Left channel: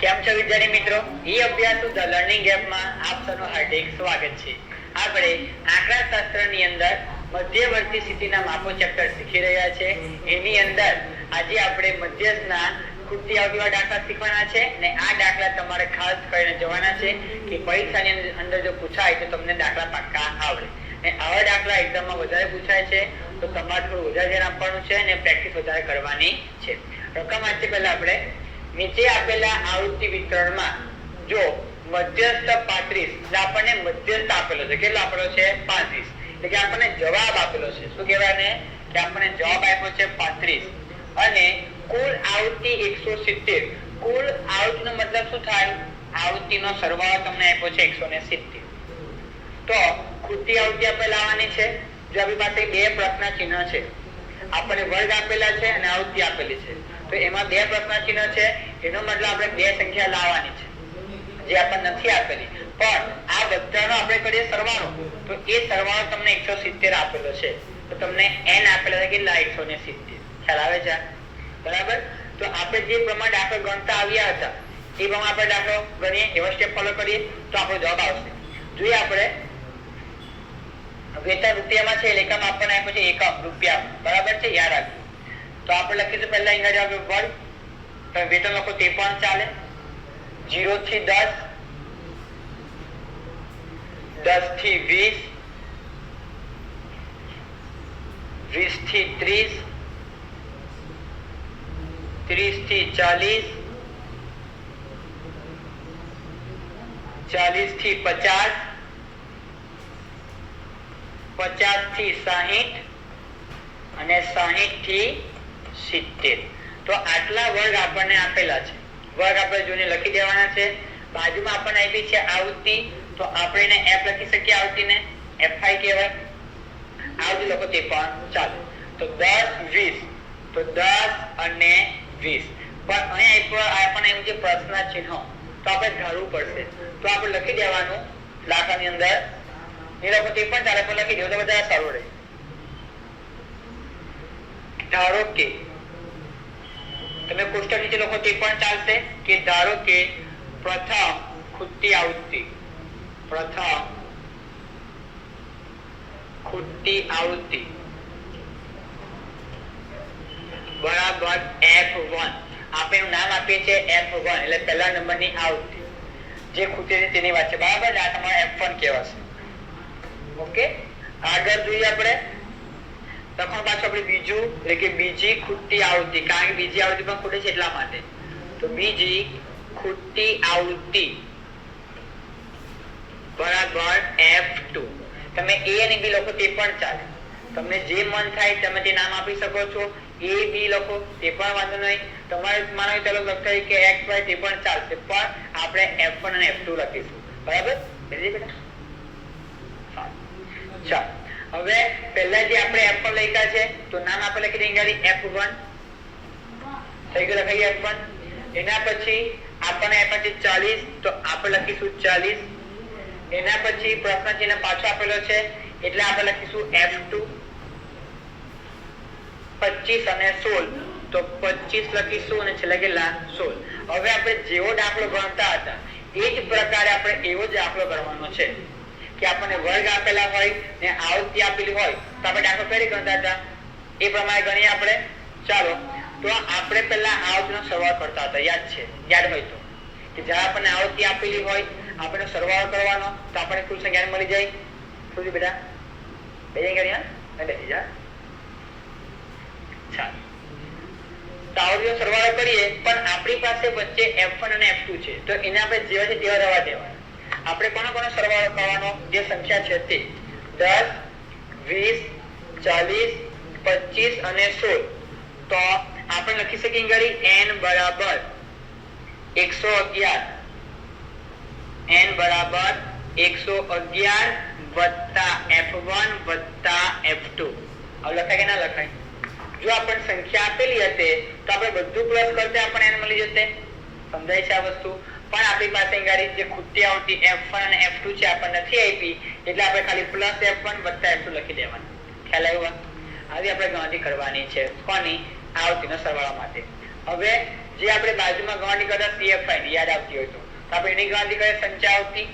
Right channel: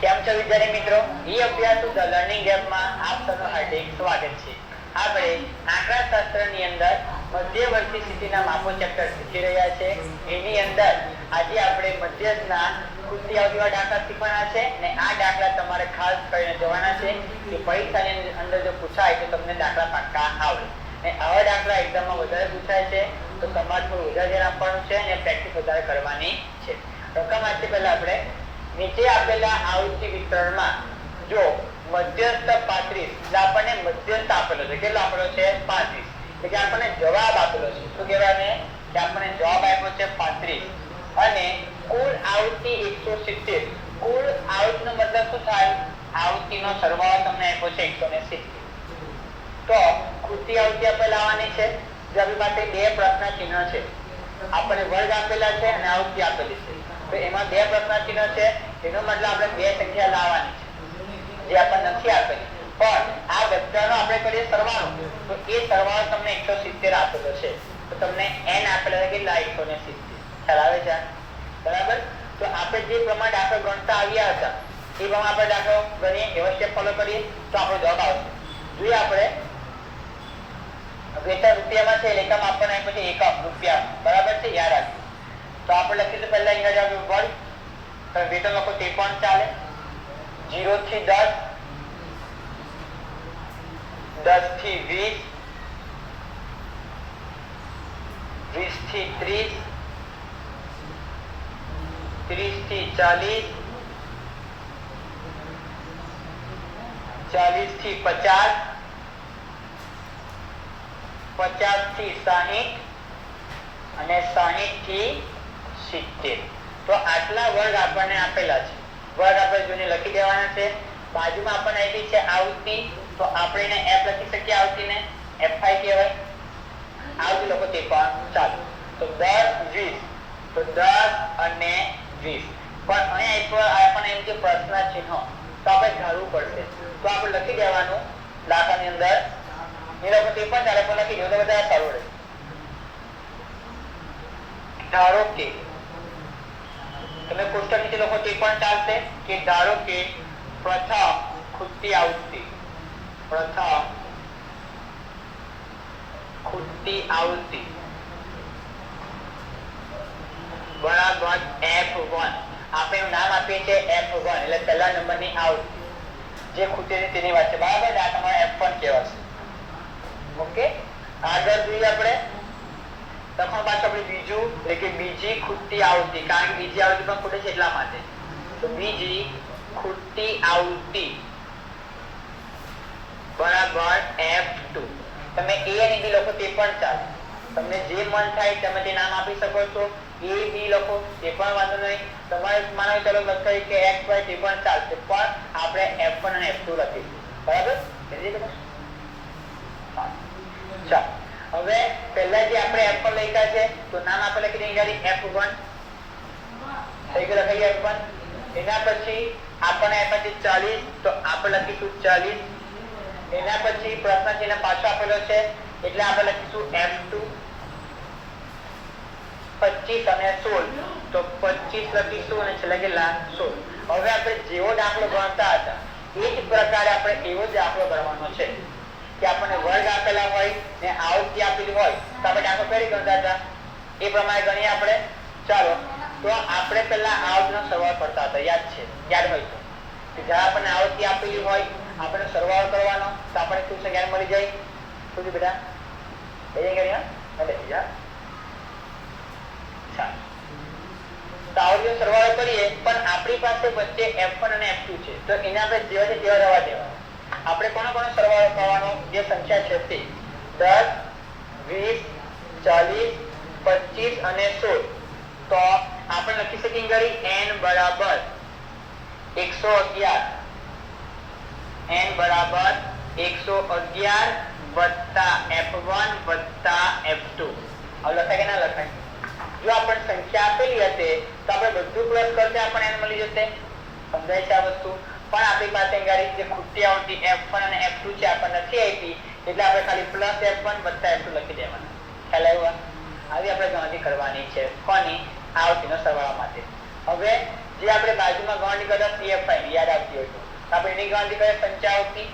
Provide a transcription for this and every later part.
કેમ છો વિદ્યાર્થી મિત્રો? ઈ અભ્યાસુ ધ લર્નિંગ એપમાં આપ સૌનું હાર્દિક સ્વાગત છે. આપણે આંકડાશાસ્ત્રની અંદર મધ્યવર્તી સ્થિતિના માપો ચેપ્ટર શીખી રહ્યા છે. એની અંદર આજે આપણે મધ્યસ્થના ખૂટતી આવતીવાળા દાખલા શીખવાના છે ને આ દાખલા તમારે ખાસ કરીને જોવાના છે કે પરીક્ષાની અંદર જો પૂછાય તો તમને દાખલા પાક્કા આવડે. ને આવા દાખલા એક્ઝામમાં વધારે પૂછાય છે તો તમારે થોડું વધારે ધ્યાન આપવાનું છે અને પ્રેક્ટિસ વધારે કરવાની છે. રકમ વાંચી પહેલા આપણે નીચે આપેલા આવૃત્તિ વિતરણમાં જો મધ્યસ્થ 35 એટલે આપણને મધ્યસ્થ આપેલો છે. કેટલો આપેલો છે? 35. એટલે કે આપણને જવાબ આપેલો છે. શું કહેવાય કે આપણને જવાબ આપ્યો છે 35 અને કુલ આવૃત્તિ 170. કુલ આવૃત્તિનો મતલબ શું થાય? આવૃત્તિનો સરવાળો તમને આપ્યો છે 170. તો ખૂટતી આવૃત્તિ આપણે લાવવાની છે. જો આપણી પાસે બે પ્રશ્ન ચિહ્ન છે, આપણને વર્ગ આપેલા છે અને આવૃત્તિ આપેલી છે, તો એમાં બે પ્રશ્ન ચિહ્ન છે, એનો મતલબ આપણે બે સંખ્યા લાવવાની છે જે આપણને નથી આપેલી. પણ આ બધાનો આપણે કરીએ સરવાળો, તો એ સરવાળો તમને 170 આપેલો છે. તો તમને n આપેલા છે કેટલા? 170. ખ્યાલ આવે છે? બરાબર. તો આપણે જે પ્રમાણે દાખલો ગણતા આવ્યા હતા એ પ્રમાણે આપણે દાખલો ગણીએ, એવો સ્ટેપ ફોલો કરીએ તો આપણો જવાબ આવશે. જોઈએ આપણે વેતન રૂપિયામાં છે, એકમ આપણને આપ્યો છે એકમ રૂપિયા. બરાબર છે? યાદ રાખજો. તો આપણે લખીશું પહેલા ઇંગ્રેજી આપણે વર્ગ, વેતન લખો તે પણ ચાલે. 0 થી 10, 10 થી 20, 20 થી 30, 30 થી 40, 40 થી 50, 50 થી 60 અને 60 થી 70. તો આટલા વર્ગ આપણને આપેલા છે. વર્ગ આપણે જોઈને લખી દેવાના છે. બાજુમાં આપણને આપી છે આવૃત્તિ, તો આપણે એને f લખી શકીએ. આવૃત્તિને fi કહેવાય. આવૃત્તિ લખો તે પણ ચાલે. તો 10 20, તો 10 અને 20. પણ અહીંયા આપણને એવું છે પ્રશ્ન ચિહ્ન, તો આપણે ધારવું પડશે. તો આપણે લખી દેવાનું દાખલાની અંદર એ લખો તે પણ ચાલે, પણ લખી દો તો બધા સારું રહે. ધારો કે તમે કોષ્ટક નીચે લખો તે પણ ચાલશે કે ધારો કે પ્રથમ ખૂટતી આવૃત્તિ, પ્રથમ ખૂટતી આવૃત્તિ બરાબર f1. આપણે એનું નામ આપીએ છીએ f1 એટલે પહેલા નંબરની આવૃત્તિ જે ખૂટે છે તેની વાત છે. બરાબર. આ તમારે f1 કહેવાશે. ઓકે. આગળ જોઈએ આપણે તখন પાછું આપણે બીજું એટલે કે બીજી ખૂટતી આવૃત્તિ, કારણ કે બીજી આવૃત્તિ પણ ખૂટે છે એટલા માટે. તો બીજી ખૂટતી આવૃત્તિ બરાબર f2. તમે a અને b લખો તે પણ ચાલે. તમને જે મન થાય તમે તે નામ આપી શકો છો. a b લખો તે પણ વાંધો નહીં. તમારે માનો ચાલો લખાય કે x y તે પણ ચાલશે, પણ આપણે f1 અને f2 લખીશું. બરાબર? ચાલો હવે પહેલા જે આપણે f1 લખ્યા છે તો નામ આપણે લખી દઈએ f1. થઈ ગયું? લખાઈએ f1. એના પછી આપણને આપ્યા છે 40, તો આપણે લખીશું 40. એના પછી પ્રશ્ન ચિહ્ન પાછો આપેલો છે એટલે આપણે લખીશું f2. 25 અને 16, તો 25 લખીશું અને છેલ્લે કેટલા? 16. હવે આપણે જેવો દાખલો ગણતા હતા એ જ પ્રકારે આપણે એવો જ દાખલો ગણવાનો છે કે આપણને વર્ગ આપેલા હોય ને આવૃત્તિ આપેલી હોય તો આપણે દાખલો કરી ગણતા હતા એ પ્રમાણે ગણીએ આપણે. ચાલો તો આપણે પહેલા આવૃત્તિનો સરવાળો કરતા હતા. યાદ છે? યાદ હોય તો કે જ્યારે આપણને આવૃત્તિ આપેલી હોય આપણે સરવાળો કરવાનો તો આપણે કુલ સંખ્યા મળી જાય. શું બેટા? બેસી ગયા? બેસી જા. ચાલો તો આવૃત્તિનો સરવાળો કરીએ, પણ આપણી પાસે વચ્ચે f1 અને f2 છે તો એને આપણે જેવા છે તેવા રહેવા દેવાના. આપણે કોનો સરવાળો કરવાનો? જે સંખ્યા છે તે 10 20 40 25 અને 16. તો આપણે લખી શકીએ n બરાબર 111. n બરાબર 111 વત્તા f1 વત્તા f2. હવે લખાય કે ના લખાય? જો આપણને સંખ્યા આપેલી હતી તો આપણે બધું પ્લસ કરતે આપણને n મળી જશે. સમજાય છે આ વસ્તુ? પણ આપણી પાસે જે ખૂટતી આવૃત્તિ f1 અને f2 છે આપણને નથી આપી એટલે આપણે ખાલી પ્લસ f1 વત્તા f2 લખી દેવાના. ખ્યાલ આવ્યો? આવી આપણે ગણતરી કરવાની છે કોની? આવૃત્તિનો સરવાળા માટે. હવે જે આપણે બાજુમાં ગણતરી કરતા CFI યાદ આવતી હોય તો આપણે એની ગણતરી કરીએ સંચાવતી,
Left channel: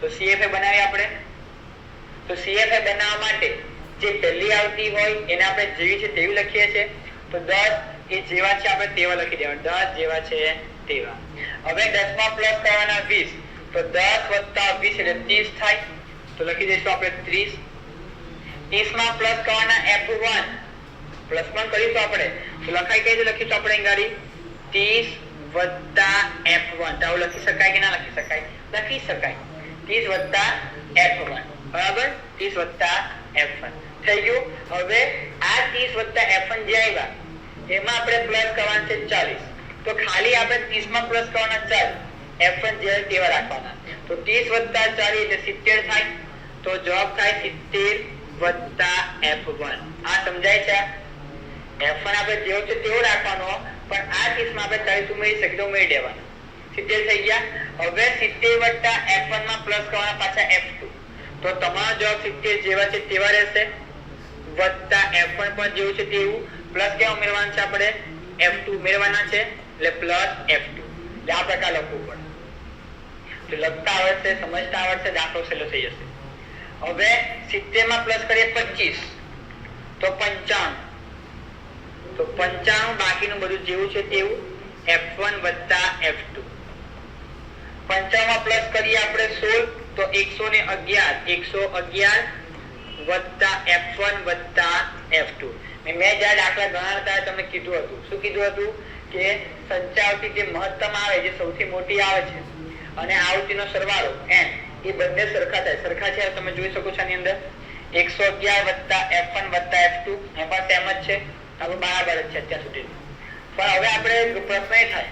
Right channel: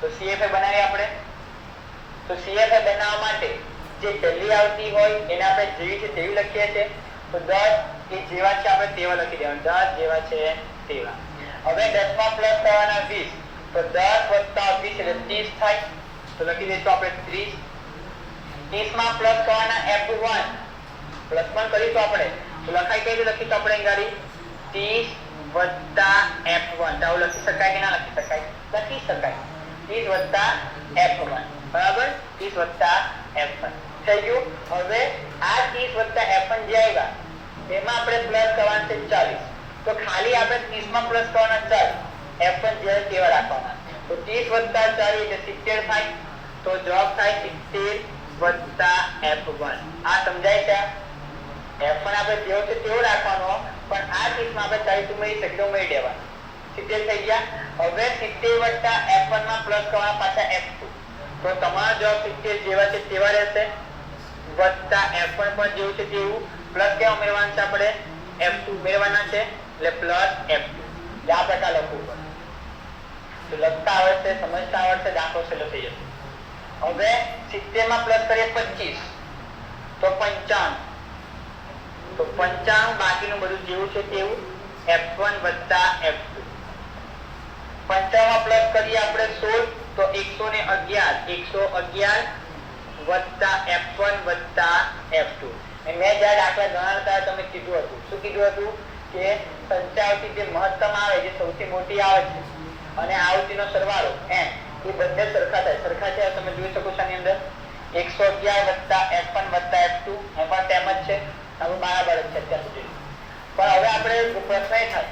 તો CFI બનાવીએ આપણે. તો CFI બનાવવા માટે જે પહેલી આવતી હોય એને આપણે જેવી છે તેવી લખીએ છીએ. તો 10 એ જેવા છે આપણે તેવા લખી દેવાનું, 10 જેવા છે તેવા. હવે 10 માં પ્લસ કરવાના 20, તો 10 વત્તા 20 એટલે 30 થાય, તો લખી દઈશું આપણે 30. 30 માં પ્લસ કરવાના F1, પ્લસ પણ કરીશું આપણે, તો લખાય કઈ રીતે લખીશું આપણે ગાડી 30 વત્તા F1, તો આવું લખી શકાય કે ના લખી શકાય? લખી શકાય. 30 વત્તા F1 બરાબર, 30 વત્તા F1 થઈ ગયું. હવે આ 30 વત્તા F1 જે આવ્યા એમાં આપણે પ્લસ કરવાના છે 40, તો ખાલી આપણે 30 માં પ્લસ કરવાના 40, F1 જે તેવા રાખવાના. તો 30 વત્તા 40 એટલે 70 થાય, તો જવાબ થાય 70 વત્તા F1. આ સમજાય છે? F1 આપણે જેવો છે તેવો રાખવાનો, પણ આ 30 માં આપણે 40 ઉમેરી શકીએ તો ઉમેરી દેવાનું, 70 થઈ ગયા. હવે 70 વત્તા F1 માં પ્લસ કરવાના પાછા F2, તો તમારો જવાબ 70 જેવા છે તેવા રહેશે, વત્તા F1 પણ જેવું છે તેવું, પ્લસ ક્યાં ઉમેરવાનું છે આપણે? F2 ઉમેરવાના છે, એટલે પ્લસ F2. આ પ્રકાર લખવું પડે. તો લખતા આવડશે, સમજતા આવડશે, દાખલો સહેલો થઈ જશે. હવે 70 માં પ્લસ કરીએ 25, તો 95, તો 95 બાકીનું બધું જેવું છે તેવું, F1 વત્તા F2. 55 માં પ્લસ કરીએ આપણે 16, તો 111 વત્તા F1 વત્તા F2. મેં જ્યારે દાખલા ગણાવતા તમને કીધું હતું, શું કીધું હતું? કે સંચાવતી જે મહત્તમ આવે, જે સૌથી મોટી આવે છે, અને આવતીનો સરવાળો n એ બંને સરખા થાય. સરખા છે તમે જોઈ શકો છો આની અંદર 111 વત્તા F1 વત્તા F2 એમાં તેમ જ છે, આપણે બરાબર જ છે અત્યાર સુધી. પણ હવે આપણે પ્રશ્ન એ થાય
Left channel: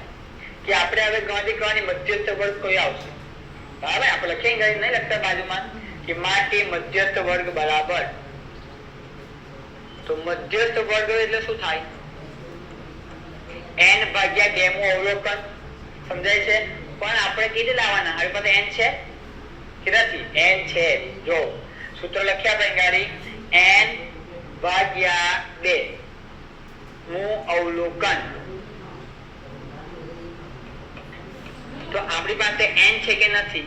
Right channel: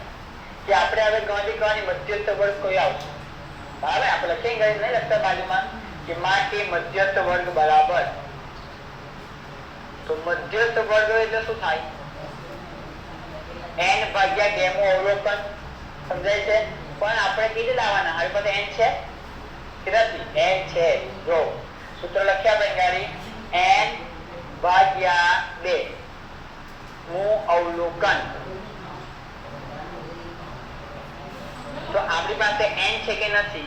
કે આપણે હવે ગણતરી કરવાની મધ્યસ્થ વર્ગ કોઈ આવશે બરાબર. આપણે લખીએ નહીં લખતા બાજુમાં કે માટે મધ્યસ્થ વર્ગ બરાબર, તો મધ્યસ્થ વર્ગ એટલે શું થાય? n ભાગ્યા ડેમો અવલોકન, સમજાય છે? પણ આપણે કીધે લાવવાના, આપણી પાસે n છે કે નથી? n છે. જો સૂત્ર લખ્યા આપણે ગાડી n ભાગ્યા 2 નું અવલોકન. તો આપણી પાસે n છે કે નથી?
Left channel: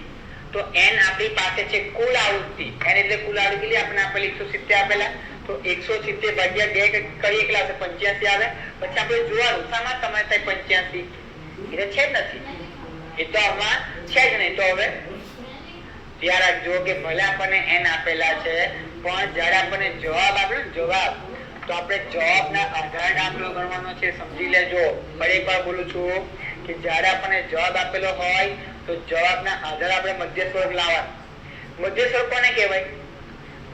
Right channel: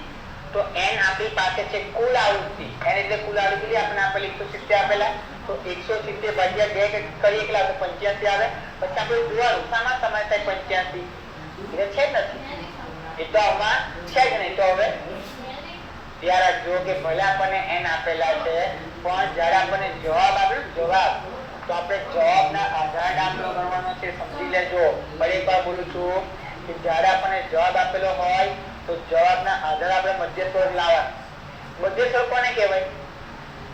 તો n આપણી પાસે છે કુલ આવૃત્તિ, n એટલે કુલ આવૃત્તિ આપણે આપેલી 170 આપેલા, તો 170 ભાગ્યા 2 કરીએ કેટલા આવશે? 85 આવે. પછી આપણે જોવાનું શામાં સમાય થાય 85? એટલે છે જ નથી, એ તો આમાં છે જ નહીં. તો હવે ધ્યાન રાખજો કે ભલે આપણને n આપેલા છે, પણ જ્યારે આપણને જવાબ આપેલો જવાબ, તો આપણે જવાબના આધાર દાખલો ગણવાનો છે, સમજી લેજો. ફરી એકવાર બોલું છું કે જ્યારે આપણને જવાબ આપેલો હોય તો જવાબના આધારે આપણે મધ્યસ્થ વર્ગ લાવવાનો. મધ્યસ્થ વર્ગ કોને કહેવાય?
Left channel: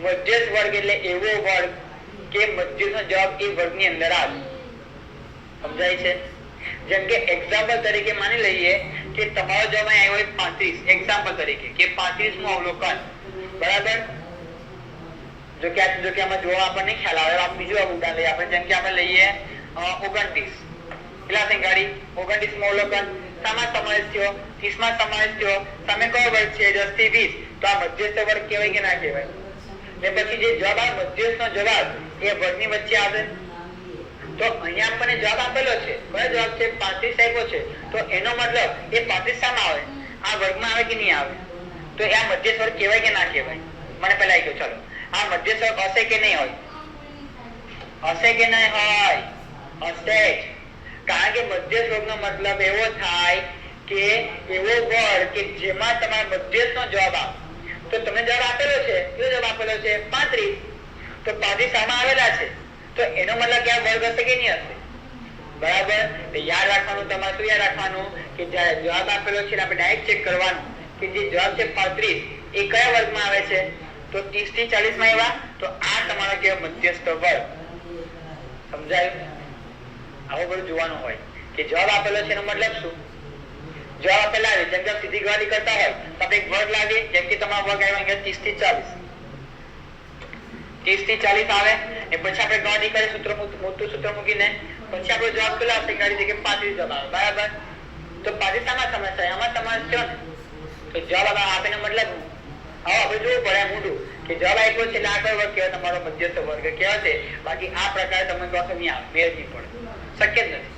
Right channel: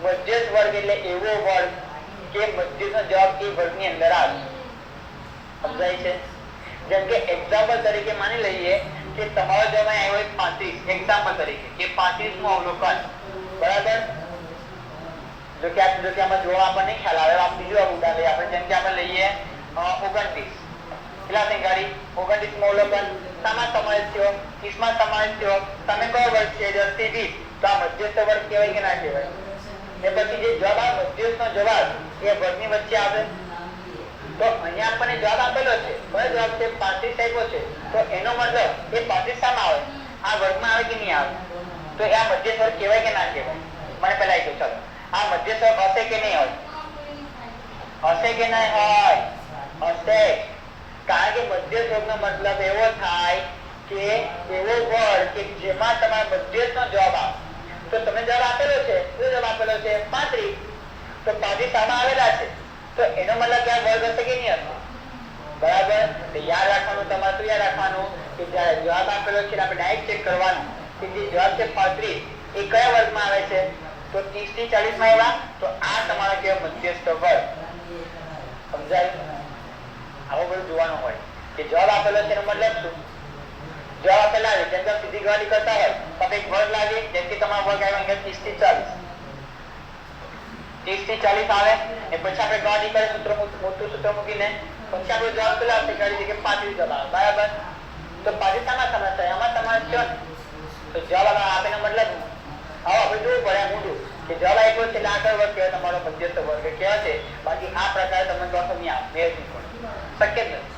મધ્યસ્થ વર્ગ એટલે એવો વર્ગ કે મધ્યનો જવાબ એ વર્ગની અંદર આવે, સમજાય છે? જેમ કે એક્ઝામ્પલ તરીકે માની લઈએ કે તમારો જવાબ આવ્યો હોય 35, એક્ઝામ્પલ તરીકે કે 35 નું અવલોકન બરાબર. જો કે આમાં જોવા આપણને ખ્યાલ આવે, આપણે બીજું ઉદાહરણ લઈએ. આપણે જેમ કે આપણે લઈએ 29, કેટલા થઈ ગાડી? 29 માં અવલોકન શામાં સમાવેશ થયો? 30 માં સમાવેશ થયો. તમે કયો વર્ગ છે? 10 થી 20. તો આ મધ્યસ્થ વર્ગ કહેવાય કે ના કહેવાય? ને પછી જે જવાબ આવે મધ્યસ્થ નો જવાબ એ વર્ગની વચ્ચે આવે. તો અહીંયા આપણને જવાબ આપેલો છે, બરાબર જવાબ છે 35 આપ્યો છે, તો એનો મતલબ એ 35 શામાં આવે? આ વર્ગમાં આવે કે નહીં આવે? તો આ મધ્યસ્થ વર્ગ કહેવાય કે ના કહેવાય? મને પહેલા આવી ગયો. ચલો, આ મધ્યસ્થ વર્ગ હશે કે નહીં હોય? હશે કે નહીં હોય? હશે. કારણ કે મધ્યસ્થ વર્ગનો મતલબ એવો થાય કે એવો વર્ગ કે જેમાં તમારા મધ્યસ્થ નો જવાબ આવે. તો તમે જવાબ આપેલો છે, શું જવાબ આપેલો છે? 35. તો 35 શામાં આવેલા છે, તો એનો મતલબ કે આ વર્ગ હશે કે નહીં હશે? બરાબર. તો યાદ રાખવાનું, તમારે શું યાદ રાખવાનું કે જ્યારે જવાબ આપેલો છે આપણે ડાયરેક્ટ ચેક કરવાનું કે જે જવાબ છે 35 એ કયા વર્ગમાં આવે છે? તો 30 થી 40 માં આવ્યા, તો આ તમારે કહેવાય મધ્યસ્થ વર્ગ. સમજાયું? આવું બધું જોવાનું હોય કે જવાબ આપેલો છે એનો મતલબ શું? જવાબ આપેલા આવે જેમ કે સીધી ગણતરી કરતા હોય તો આપણે એક વર્ગ લાવીએ, જેમ કે તમારો વર્ગ આવ્યો 30 થી 40, 30 થી 40 આવે એ પછી આપણે ગણતરી કરીએ સૂત્ર, મોટું સૂત્ર મૂકીને પછી આપણે જવાબ કેટલો આવશે? કરી દઈએ કે 35 જવાબ આવે બરાબર. તો 35 શામાં સમાવેશ થાય? આમાં સમાવેશ થયો ને, તો જવાબ આપેનો મતલબ આવો આપણે જોવું પડે ઊંડું કે જવાબ આપ્યો છે એટલે આ કયો વર્ગ કહેવાય? તમારો મધ્યસ્થ વર્ગ કહેવાય છે. બાકી આ પ્રકારે તમે કહો નહીં આવે, મેળ નહીં પડે, શક્ય જ નથી.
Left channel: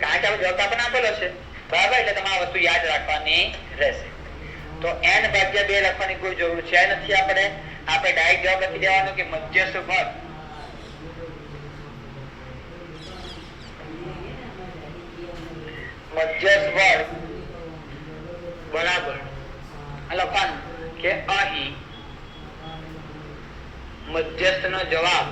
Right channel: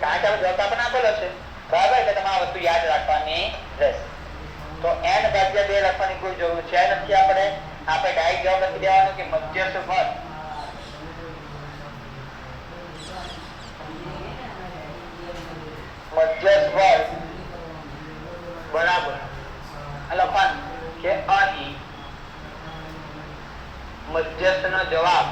કારણ કે જવાબ આપણને આપેલો છે, બરાબર, એટલે તમારે આ વસ્તુ યાદ રાખવાની રહેશે. તો n ભાગ્યા 2 લખવાની કોઈ જરૂર છે નથી. આપણે ડાયરેક્ટ જવાબ લખી દેવાનો કે મધ્યસ્થ વર્ગ બરાબર લખવાનું કે અહીં મધ્યસ્થનો જવાબ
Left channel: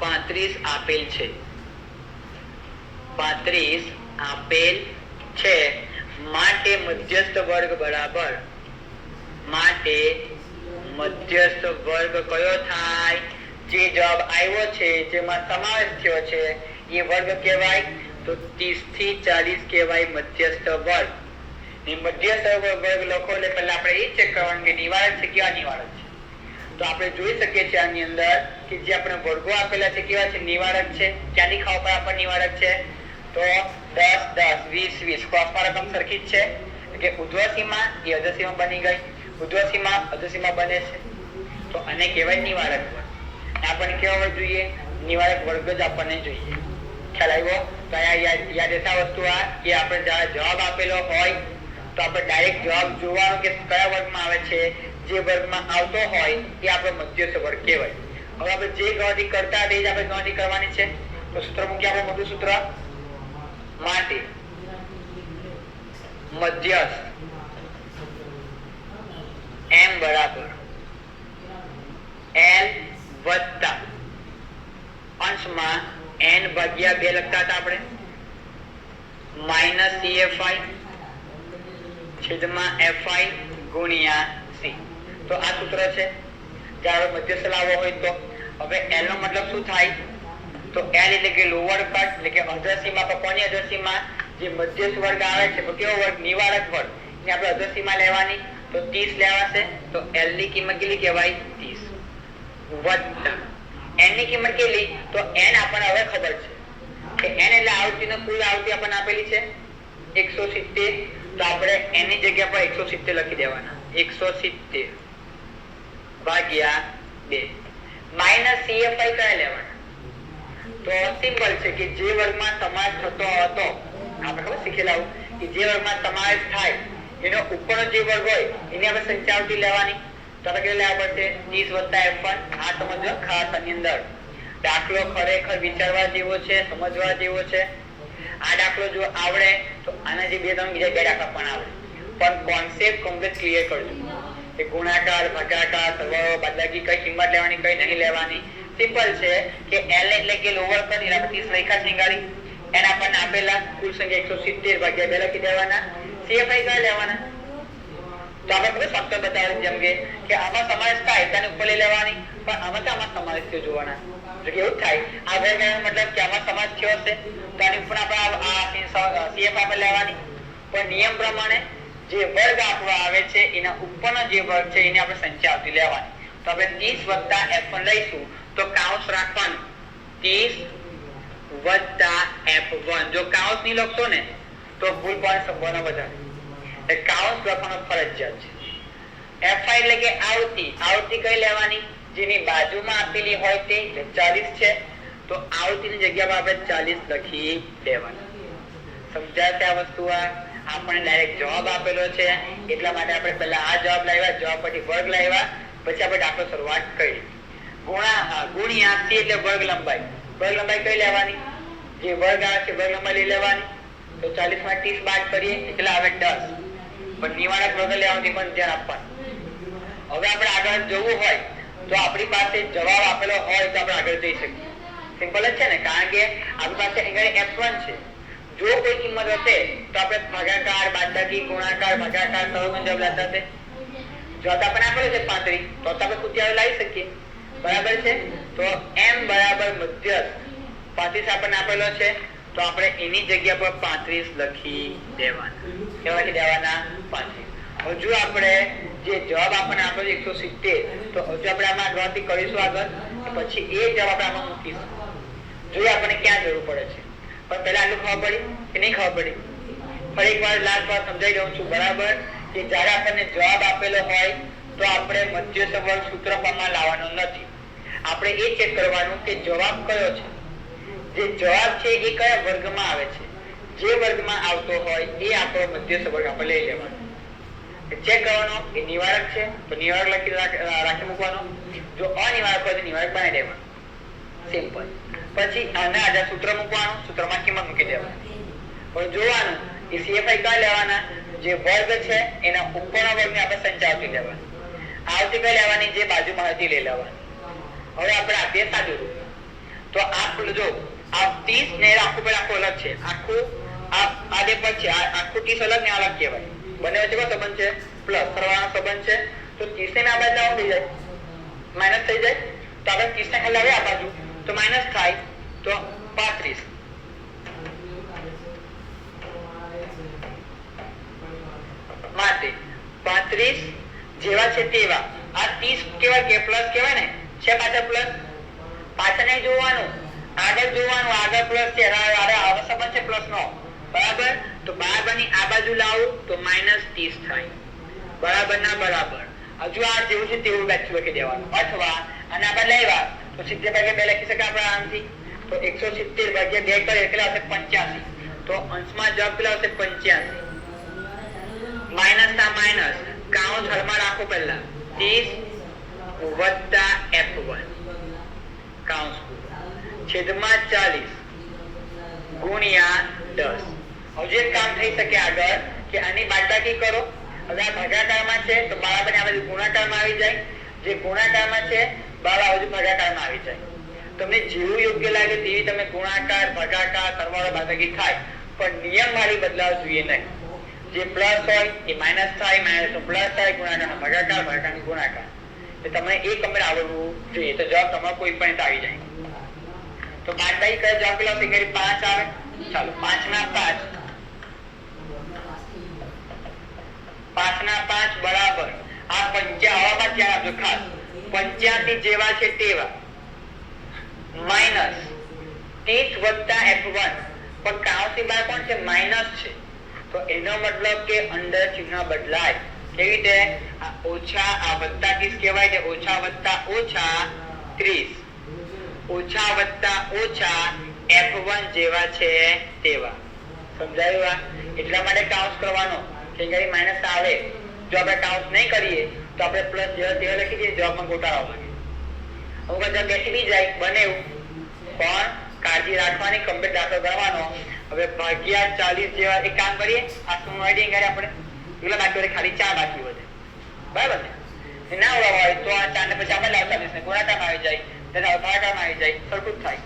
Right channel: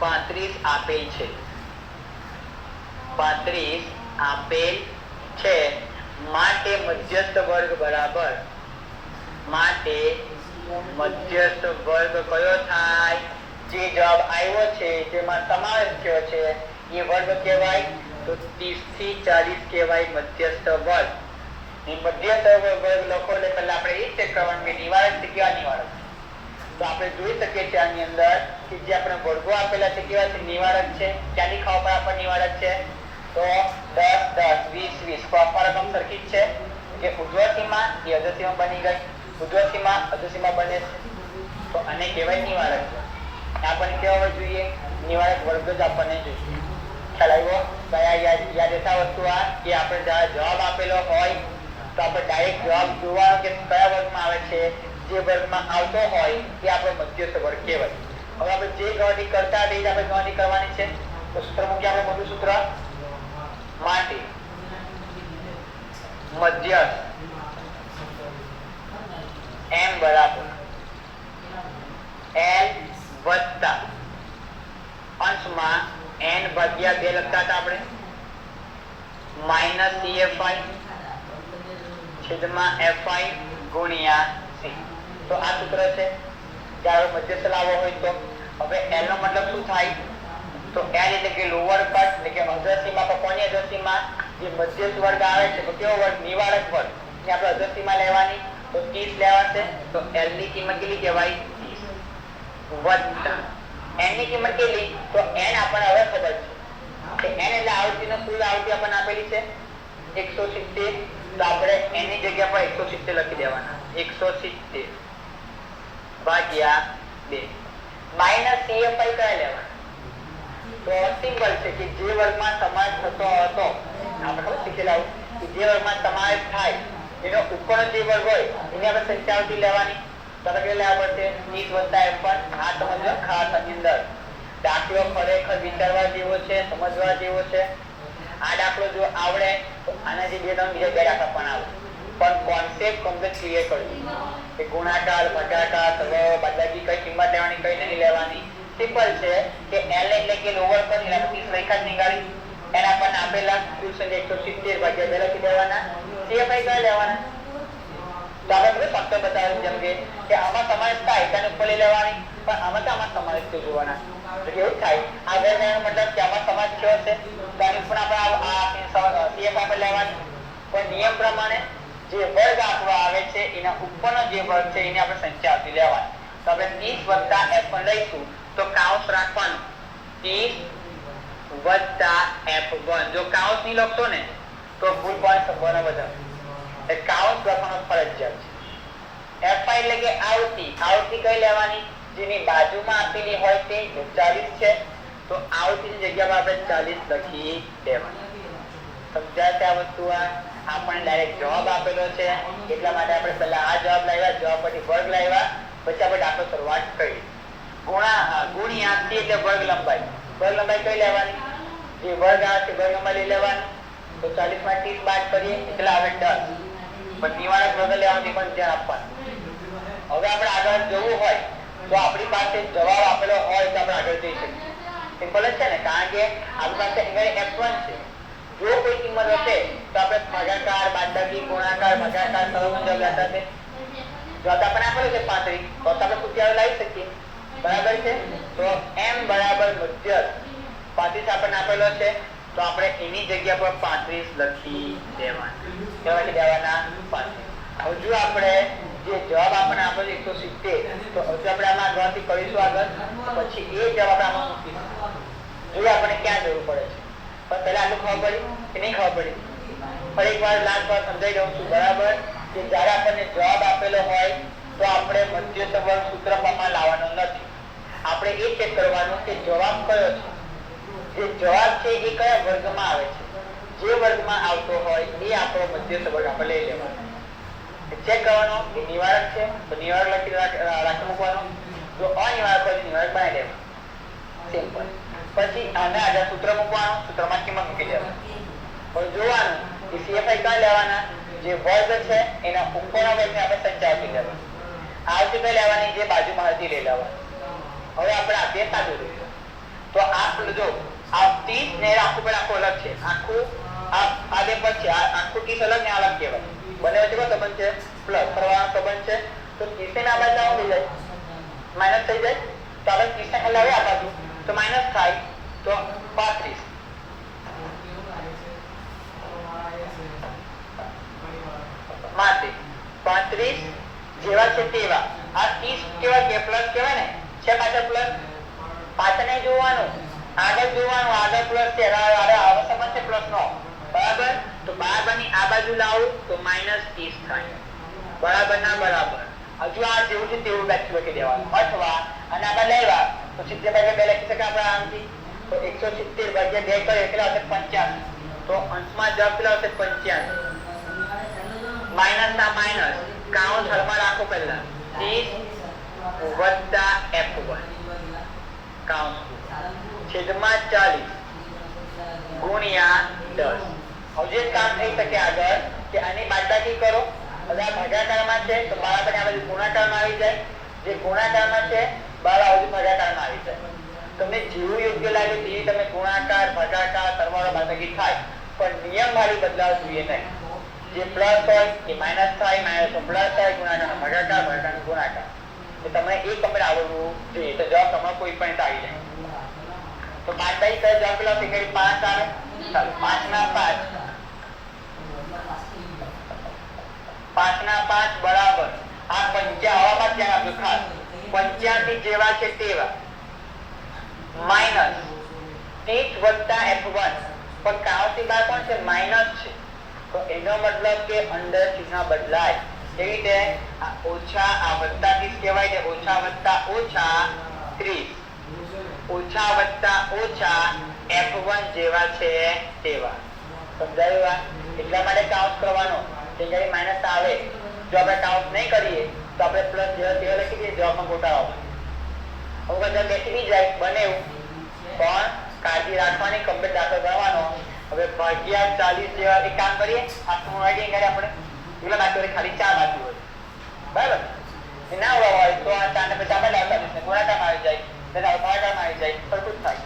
35 આપેલ છે. 35 આપેલ છે માટે મધ્યસ્થ વર્ગ બરાબર, માટે મધ્યસ્થ વર્ગ કયો થાય? જે જવાબ આવ્યો છે, જેમાં સમાવેશ થયો છે એ વર્ગ કહેવાય. તો 30 થી 40 કહેવાય મધ્યસ્થ વર્ગ. મધ્યસ્થ વર્ગ લખો એટલે પહેલા આપણે એ ચેક કરવાનું કે નિવારક છે કેવા નિવારક છે. તો આપણે જોઈ શકીએ છીએ આની અંદર કે જે આપણે વર્ગો આપેલા છે કેવા છે? નિવારક છે. ક્યાંથી ખબર પડે આપણને નિવારક છે? તો 10 10 20 20 ક્રોસમાં રકમ સરખી જ છે કે ઉર્ધ્વ સીમા એ અધર સીમા બની ગઈ, ઉર્ધ્વ સીમા અધર સીમા બને છે. તો આને કહેવાય નિવારક વર્ગ. આપણને કેવા વર્ગ જોઈએ? નિવારક વર્ગ જ આપણને જોઈએ. ખ્યાલ આવ્યો? કયા યાદ રહેતા વસ્તુ આ કે આપણે જવાબ આપેલો હોય તો આપણે ડાયરેક્ટ જવાબ જોવાનો કે કયા વર્ગમાં આવે છે. જે વર્ગમાં આવતો હોય એ આપણો મધ્યસ્થ વર્ગ કહેવાય. હવે આપણે જે ગણતરી કરતા તે જ આપણે ગણતરી કરવાની છે. તો સૂત્ર મૂકીએ આપણે. મોટું સૂત્ર માટે મધ્યસ્થ m બરાબર l વત્તા અંશમાં n ભાગ્યા 2 લખતા હતા આપણે માઇનસ CFI છેદમાં FI ગુણ્યા C. તો આ સૂત્ર છે. જ્યારે મધ્યસ્થ લાવવો હોય તો હવે L નો મતલબ શું થાય? તો L એટલે કે લોઅર કટ એટલે કે અધર સીમા પર કોની અધર સીમા? જે મધ્યસ્થ વર્ગ આવે છે તો કેવો વર્ગ? નિવારક વર્ગ. ને આપણે અધર સીમા લેવાની તો 30 લેવાશે. તો L ની કિંમત કેટલી કહેવાય? 30 વત્તા n ની કિંમત કેટલી? તો n આપણને હવે ખબર છે કે n એટલે આવૃત્તિનો કુલ આવૃત્તિ આપણને આપેલી છે 170. તો આપણે n ની જગ્યા પર 170 લખી દેવાના. 170 ભાગ્યા 2 માઈનસ CFI કયા લેવાના? તો સિમ્પલ છે કે જે વર્ગમાં સમાવેશ થતો હતો, આપણે ખબર શીખેલા કે જે વર્ગમાં સમાવેશ થાય એનો ઉપરનો જે વર્ગ હોય એની આપણે સંખ્યા આવતી લેવાની. તો આપણે કેટલા લેવા પડશે? 30 + F1. આ સમજો ખાસ આની અંદર દાખલો ખરેખર વિચારવા જેવો છે, સમજવા જેવો છે. આ દાખલો જો આવડે તો આના જે બીજા બે દાખલા પણ આવે, પણ કોન્સેપ્ટ કમ્પ્લીટ ક્લિયર કરજો કે ગુણાકાર, ભાગાકાર, સરવાળો, બાદબાકી કઈ કિંમત લેવાની કઈ નહીં લેવાની. સિમ્પલ છે કે L એટલે કે લોઅર પર એના 30 રેખા નિકાળી એના આપણને આપેલા કુલ સંખ્યા 170 ભાગ્યા 2 લખી દેવાના. CFI કયા લેવાના? તો આપણે ફક્ત બતાવ્યું જેમ કે આમાં સમાવેશ થાય તેને ઉપર લઈ લેવાની, પણ આમાં સમાવેશ થયો જોવાના. તો કેવું થાય? આ વર્ગનો મતલબ કે આમાં સમાવેશ થયો છે તો આની ઉપર આપણે આ CFI આપણે લેવાની. પણ નિયમ પ્રમાણે જે વર્ગ આપવા આવે છે એના ઉપરનો જે વર્ગ છે એની આપણે સંખ્યા આવતી લેવાની. તો આપણે 30 + F1 લઈશું તો કાઉન્સ રાખવાનું 30 + F1. જો કાઉન્સ નહીં લખશો ને તો ભૂલ પડવાની સંભાવના વધારે. એટલે કાઉન્સ લખવાનો ફરજિયાત છે. FI એટલે કે આવૃત્તિ. આવૃત્તિ કઈ લેવાની? જેની બાજુમાં આપેલી હોય તે 40 છે તો આવૃત્તિની જગ્યામાં આપણે 40 લખી દેવાની. સમજાય છે આ વસ્તુ? આપણને ડાયરેક્ટ જવાબ આપેલો છે એટલા માટે આપણે પહેલા આ જવાબ લાવ્યા, જવાબ પછી વર્ગ લાવ્યા, પછી આપણે દાખલો શરૂઆત કરી. ગુણ્યા C એટલે વર્ગ લંબાઈ. વર્ગ લંબાઈ કઈ લેવાની? જે વર્ગ આવે છે વર્ગ લંબાઈ લઈ લેવાની. તો 40 માં 30 બાદ કરીએ એટલે આવે 10. પણ નિવારક વર્ગ લેવાની પણ ધ્યાન આપવાનું. હવે આપણે આગળ જવું હોય તો આપણી પાસે જવાબ આપેલો હોય તો આપણે આગળ જઈ શકીએ. સિમ્પલ જ છે ને, કારણ કે આપણી પાસે અહીંયા F1 છે. જો કોઈ કિંમત હશે તો આપણે ભાગાકાર, બાદબાકી, ગુણાકાર, ભાગાકાર, સરવાળો જવાબ લેતા હશે. જવાબ આપણને આપેલો છે 35 તો આપણે સૂત્ર લાવી શકીએ. બરાબર છે? તો m બરાબર મધ્યસ્થ 35 આપણને આપેલો છે તો આપણે એની જગ્યા પર 35 લખી દેવાના. કેવા લખી દેવાના? 35. હવે જો આપણે જે જવાબ આપણને આપેલો 170 તો હજુ આપણે આમાં ગણતરી કરીશું આગળ, પછી એ જવાબ આપણે આમાં મૂકીશું. જોઈએ આપણને ક્યાં જરૂર પડે છે. પણ પહેલા આટલું ખબર પડી કે નહીં ખબર પડી? ફરી એક વાર લાસ્ટ વાર સમજાઈ દઉં છું. બરાબર કે જ્યારે આપણને જવાબ આપેલો હોય તો આપણે મધ્ય સંબંધ સૂત્રમાં લાવવાનો નથી. આપણે એ ચેક કરવાનું કે જવાબ કયો છે. જે જવાબ છે એ કયા વર્ગમાં આવે છે. જે વર્ગમાં આવતો હોય એ આપણો મધ્ય સંબંધ આપણે લઈ લેવાનો. ચેક કરવાનો કે નિવારક છે તો નિવારક રાખી મૂકવાનો. જો અનિવારક હોય તો નિવારક બનાવી દેવાનો. સિમ્પલ. પછી આના આધાર સૂત્ર મૂકવાનું, સૂત્રમાં કિંમત મૂકી દેવાની. પણ જોવાનું કે CFI કયા લેવાના, જે વર્ગ છે એના ઉપરના વર્ગને આપણે સંચાવતી લેવાની. આવતી કઈ લેવાની, જે બાજુમાં હતી લઈ લેવાની. હવે આપણે આપીએ સાદું રૂપ. તો જો આ 30 ને આખું પર આખું અલગ છે. આખું આ બે પર છે, આખું 30 અલગ ને અલગ કહેવાય. બંને વચ્ચે કયો સંબંધ છે, પ્લસ કરવાનો સંબંધ છે. તો 30 ને આ બાજુ આવું થઈ જાય, માઇનસ થઈ જાય. તો આપણે 30 ને લાવે આ બાજુ તો માઇનસ થાય, તો 35 માટે 35 જેવા છે તેવા. આ 30 કેવા કે પ્લસ કહેવાય ને, છે પાછળ પ્લસ. પાછળ નહીં જોવાનું, આગળ જોવાનું. આગળ પ્લસ છે, આવો સંબંધ છે પ્લસ નો, બરાબર. તો બરાબરની આ બાજુ લાવું તો -30 થાય, બરાબર ના બરાબર. હજુ આ જેવું છે તેવું બેઠું લખી દેવાનું. અથવા અને આમાં લેવા તો 70/2 લખી શકાય આપણે આરામથી. તો 170/2 કરે કેટલા આવશે, 85. તો અંશમાં જવાબ કેટલા આવશે, 85. માઇનસ ના માઇનસ, કાઉન્સ હળમાં રાખો પહેલા. 30 વત્તા F1 કાઉન્સ છેદમાં 40 ગુણ્યા 10. હજુ એક કામ થઈ શકે આગળ કે આની બાદબાકી કરો. હવે આ ભાગાકારમાં છે તો બરાબર આ બાજુ ગુણાકારમાં આવી જાય. જે ગુણાકારમાં છે બરાબર આ બાજુ ભાગાકારમાં આવી જાય. તમને જેવું યોગ્ય લાગે તેવી તમે ગુણાકાર, ભાગાકાર, સરવાળો, બાદબાકી થાય. પણ નિયમ મારી બદલાવ જોઈએ નહીં. જે પ્લસ હોય એ માઇનસ થાય, માઇનસ નો પ્લસ થાય, ગુણાકારનો ભાગાકાર, ભાગાકારનો ગુણાકાર. એટલે તમને એક કમ્પ્લીટ આવડવું જોઈએ તો જવાબ તમારો કોઈ પણ આવી જાય. તો બાદબાકી કરે જવાબ કેટલા આવશે, 5 આવે. ચાલો 5 ના 5 બરાબર આ 55 આવામાં ધ્યાન આપજો ખાસ. 85 જેવા છે તેવા માઇનસ 30 વત્તા F1. પણ કાઉન્સની બહાર કોણ છે, માઇનસ છે. તો એનો મતલબ કે અંદર ચિહ્ન બદલાય. કેવી રીતે, આ ઓછા આ વત્તા 30 કહેવાય છે, ઓછા વત્તા ઓછા 30, ઓછા વત્તા ઓછા F1 જેવા છે તેવા. સમજાયું? એટલા માટે કાઉન્સ કરવાનો કે જ્યારે માઇનસ આવે. જો આપણે કાઉન્સ નહીં કરીએ તો આપણે પ્લસ જેવા તેવા લખી દઈએ, જવાબમાં ગોટાળો આવે. હું બધા બેસી બી જાય બને એવું, પણ કાળજી રાખવાની, કમ્પ્લીટ દાખલો કરવાનો. હવે ભાગ્યા 40 જેવા એક કામ કરીએ, આખું એડિંગ કરીએ આપણે. એટલા બાકી હોય ખાલી 4 બાકી હોય, બરાબર ને. ના હોય તો આ 4 ને પછી આપણે લાવતા જશે, ગુણાકારમાં આવી જાય, ત્યારે ભાગાકારમાં આવી જાય, સરખું થાય.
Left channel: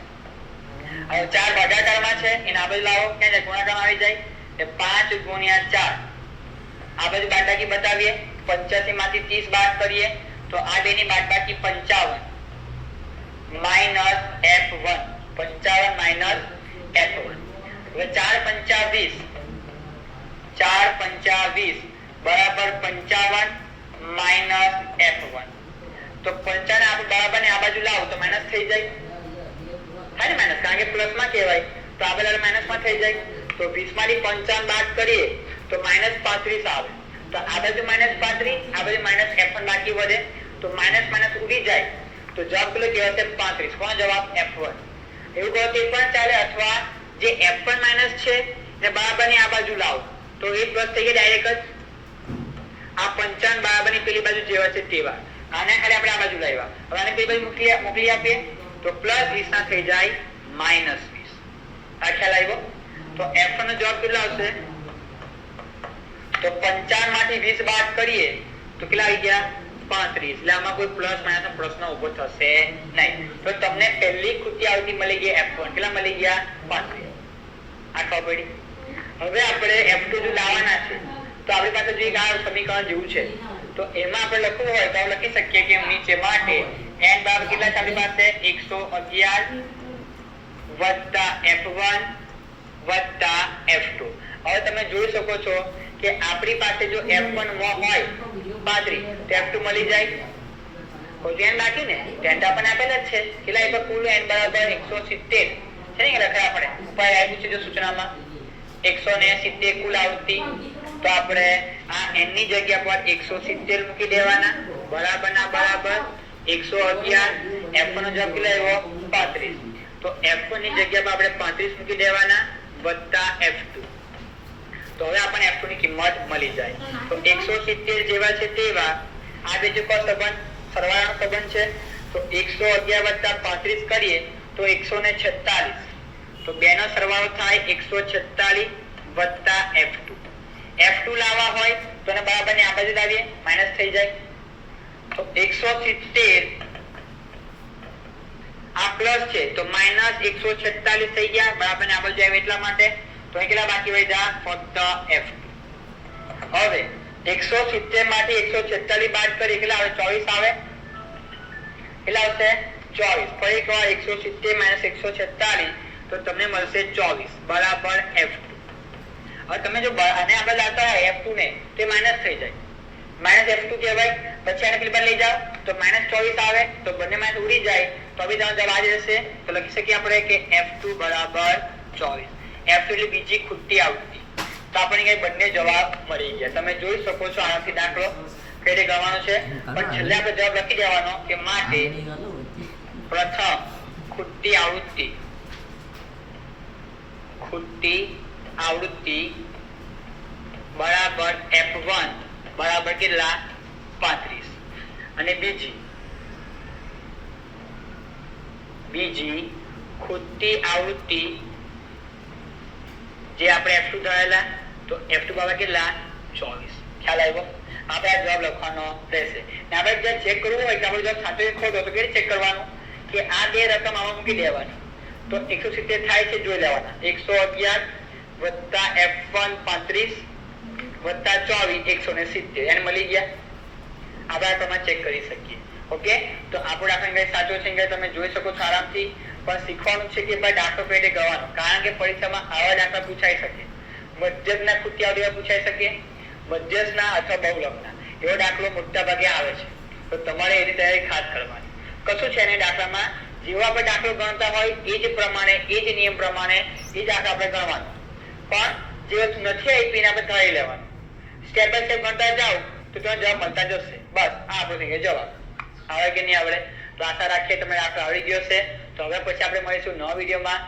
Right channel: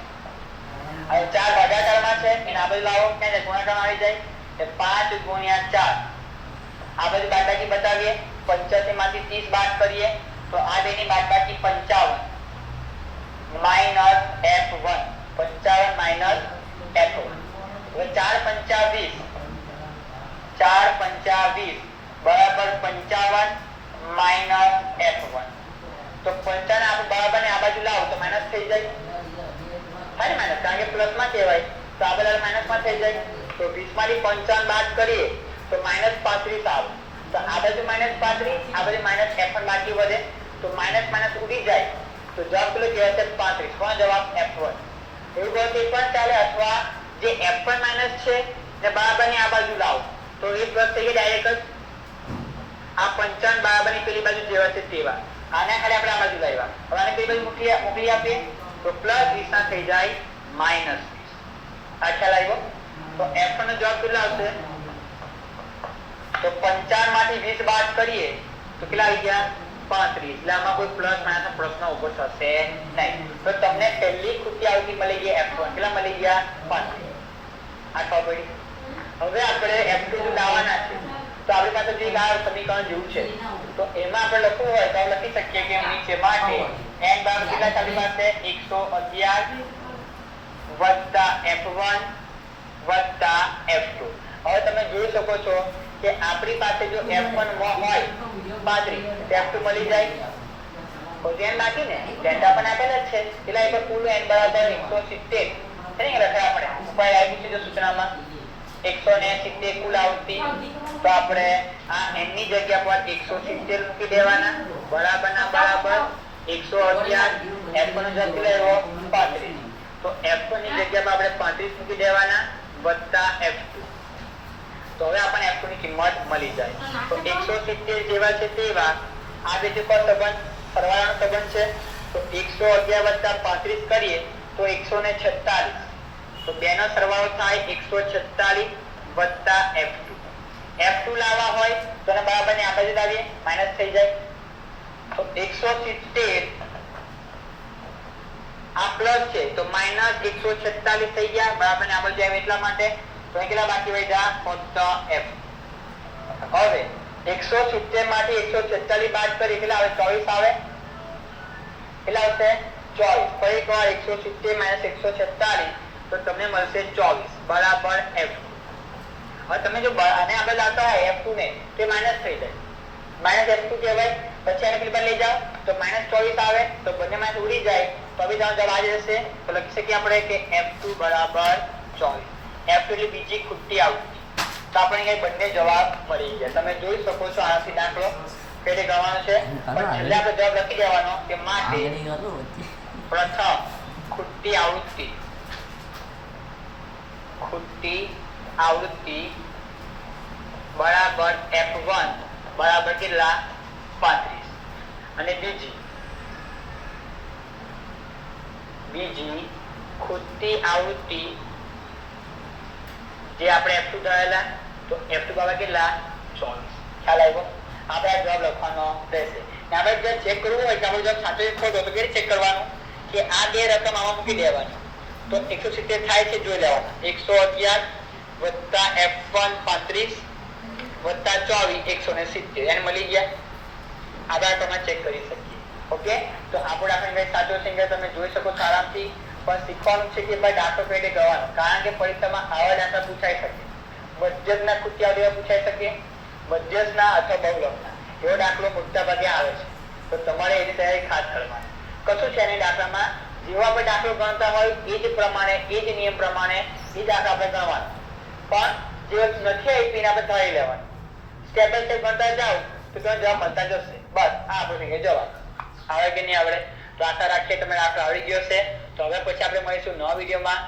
હવે 4 ભાગાકારમાં છે એને આ બાજુ લાવો, ક્યાં જાય, ગુણાકારમાં આવી જાય. 5 ગુણ્યા 4 આ બાજુ બાદબાકી બતાવીએ. 85 માંથી 30 બાદ કરીએ તો આ બેની બાદબાકી 55 માઇનસ F1. 55 minus F1. હવે 4 પંચા 20, 4 પંચા 20 બરાબર 55 માઇનસ F1. તો 55 આપણે બરાબર ને આ બાજુ લાવો તો માઇનસ થઈ જાય. થાય ને માઇનસ, કારણ કે પ્લસ માં કહેવાય તો આ બાજુ માઇનસ માં થઈ જાય. તો 20 માંથી 55 બાદ કરીએ તો -35 આવે. તો આ બાજુ -35, આ બાજુ -F1 બાકી વધે. તો માઇનસ માઇનસ ઉડી જાય તો જવાબ પેલો કહેવાય છે 35. કોણ જવાબ, F1. એવું કહો તે પણ ચાલે. અથવા જે F1 માઇનસ છે ને બરાબરની આ બાજુ લાવો તો એ પ્લસ થઈ ગયા ડાયરેક્ટ જ. આ 55 બરાબરની પેલી બાજુ જેવા છે તેવા. આને ખાલી આપણે આ બાજુ લાવ્યા. હવે આને પેલી બાજુ મોકલી આપીએ તો +20 ના થઈ જાય -20. આ ખ્યાલ આવ્યો? તો F1 નો જવાબ કેટલો આવશે? તો 55 માંથી 20 બાદ કરીએ તો કેટલા આવી ગયા, 35. એટલે આમાં કોઈ પ્લસ માઇનસ નો પ્રશ્ન ઉભો થશે નહીં. તો તમને પહેલી કૃતિ આવતી મળી ગઈ F1. કેટલા મળી ગયા, 35. આ ખબર પડી. હવે આપણે F2 જો લાવવાના છે તો આપણી પાસે જે આ સમીકરણ જેવું છે તો એમાં આપણે લખવું હોય તો લખી શકીએ કે નીચે માટે n બરાબર કેટલા છે આપણી પાસે, 111 વત્તા F1 વત્તા F2. હવે તમે જોઈ શકો છો કે આપણી પાસે જો F1 માં હોય 35 તો F2 મળી જાય. તો n બાકી ને ડેલ્ટા પણ આપેલ જ છે. કેટલા એટલે કુલ n બરાબર 170 છે ને, લખાય આપણે ઉપાય આવ્યું છે જો સૂચનામાં 170 કુલ આવતી. તો આપણે આ n ની જગ્યા પર 170 મૂકી દેવાના. બરાબર ના બરાબર 111 F1 નો જવાબ કેટલો આવ્યો 35 તો F1 ની જગ્યામાં આપણે 35 મૂકી દેવાના વત્તા F2 તો હવે આપણને F2 ની કિંમત મળી જાય તો 170 જેવા છે તેવા આ બે જે સંબંધ સરવાળાનો સંબંધ છે તો 111 + 35 કરીએ તો 146 તો બેનો સરવાળો થાય 146 વત્તા F2 લાવવા હોય તો ને બરાબર ને આ બાજુ લાવીએ માઈનસ થઈ જાય તો 170 આ પ્લસ છે તો માઈનસ 146 થઈ ગયા બરાબર ને આ બાજુ આવે એટલા માટે તો અહીં કેટલા બાકી વધ્યા ફક્ત F હવે 170 માંથી 146 બાદ કરીએ કેટલા આવે 24 આવે કેટલા આવશે 24 ફરી એકવાર 170 - 146 તો તમને મળશે 24 બરાબર F2 હવે તમે જો આને આગળ લાવતા હોય F2 ને તે માઈનસ થઈ જાય -F2 કહેવાય પછી આને પેલી બાજુ લઈ જાઓ તો -24 આવે તો બંને માંથી ઉડી જાય તો હવે જવાબ આ જ રહેશે તો લખી શકીએ આપણે કે F2 બરાબર 24 F2 એટલે બીજી ખૂટતી આવૃત્તિ તો આપણે અહીં બંને જવાબ મળી ગયા તમે જોઈ શકો છો આનાથી દાખલો કઈ રીતે ગણવાનો છે પણ છેલ્લે આપણે જવાબ લખી દેવાનો કે માટે પ્રથમ ખૂટતી આવૃત્તિ બરાબર F1 બરાબર કેટલા 35 અને બીજી ખૂટતી આવૃત્તિ જે આપણે F2 ધરેલા તો F2 બરાબર કેટલા 24 ખ્યાલ આવ્યો આપણે આ જવાબ લખવાનો રહેશે ને આપણે જે ચેક કરવું હોય કે આપણો જવાબ સાચો કે ખોટો તો કેવી ચેક કરવાનું કે આ બે રકમ આમાં મૂકી દેવાની તો 170 થાય છે જોઈ લેવાના 111 વત્તા F1 35 વત્તા 24 170 એને મળી ગયા આપણે તમે ચેક કરી શકીએ ઓકે તો આપણો દાખલો કઈ સાચો છે કે તમે જોઈ શકો છો આરામથી પણ શીખવાનું છે કે ભાઈ દાખલો કઈ રીતે ગણવાનો કારણ કે પરીક્ષામાં આવા દાખલા પૂછાઈ શકે મધ્યકના ખૂટતી આવૃત્તિ પૂછાઈ શકે મધ્યકના અથવા બહુલકના એવો દાખલો મોટા ભાગે આવે છે તો તમારે એની તૈયારી ખાસ કરવાની કશું છે ને દાખલામાં જેવો આપણે દાખલો ગણતા હોય એ જ પ્રમાણે એ જ નિયમ પ્રમાણે એ જ દાખલા આપણે ગણવાનો પણ જે વસ્તુ નથી આપી આપણે ધારી લેવાનું સ્ટેપ બાય સ્ટેપ ગણતા જાઓ તો તમે જવાબ મળતા જશે બસ આ આપણો થઈ ગયો જવાબ આવે કે નહીં આવડે તો આશા રાખીએ તમને દાખલો આવડી ગયો છે તો હવે પછી આપણે મળીશું નવા વિડીયોમાં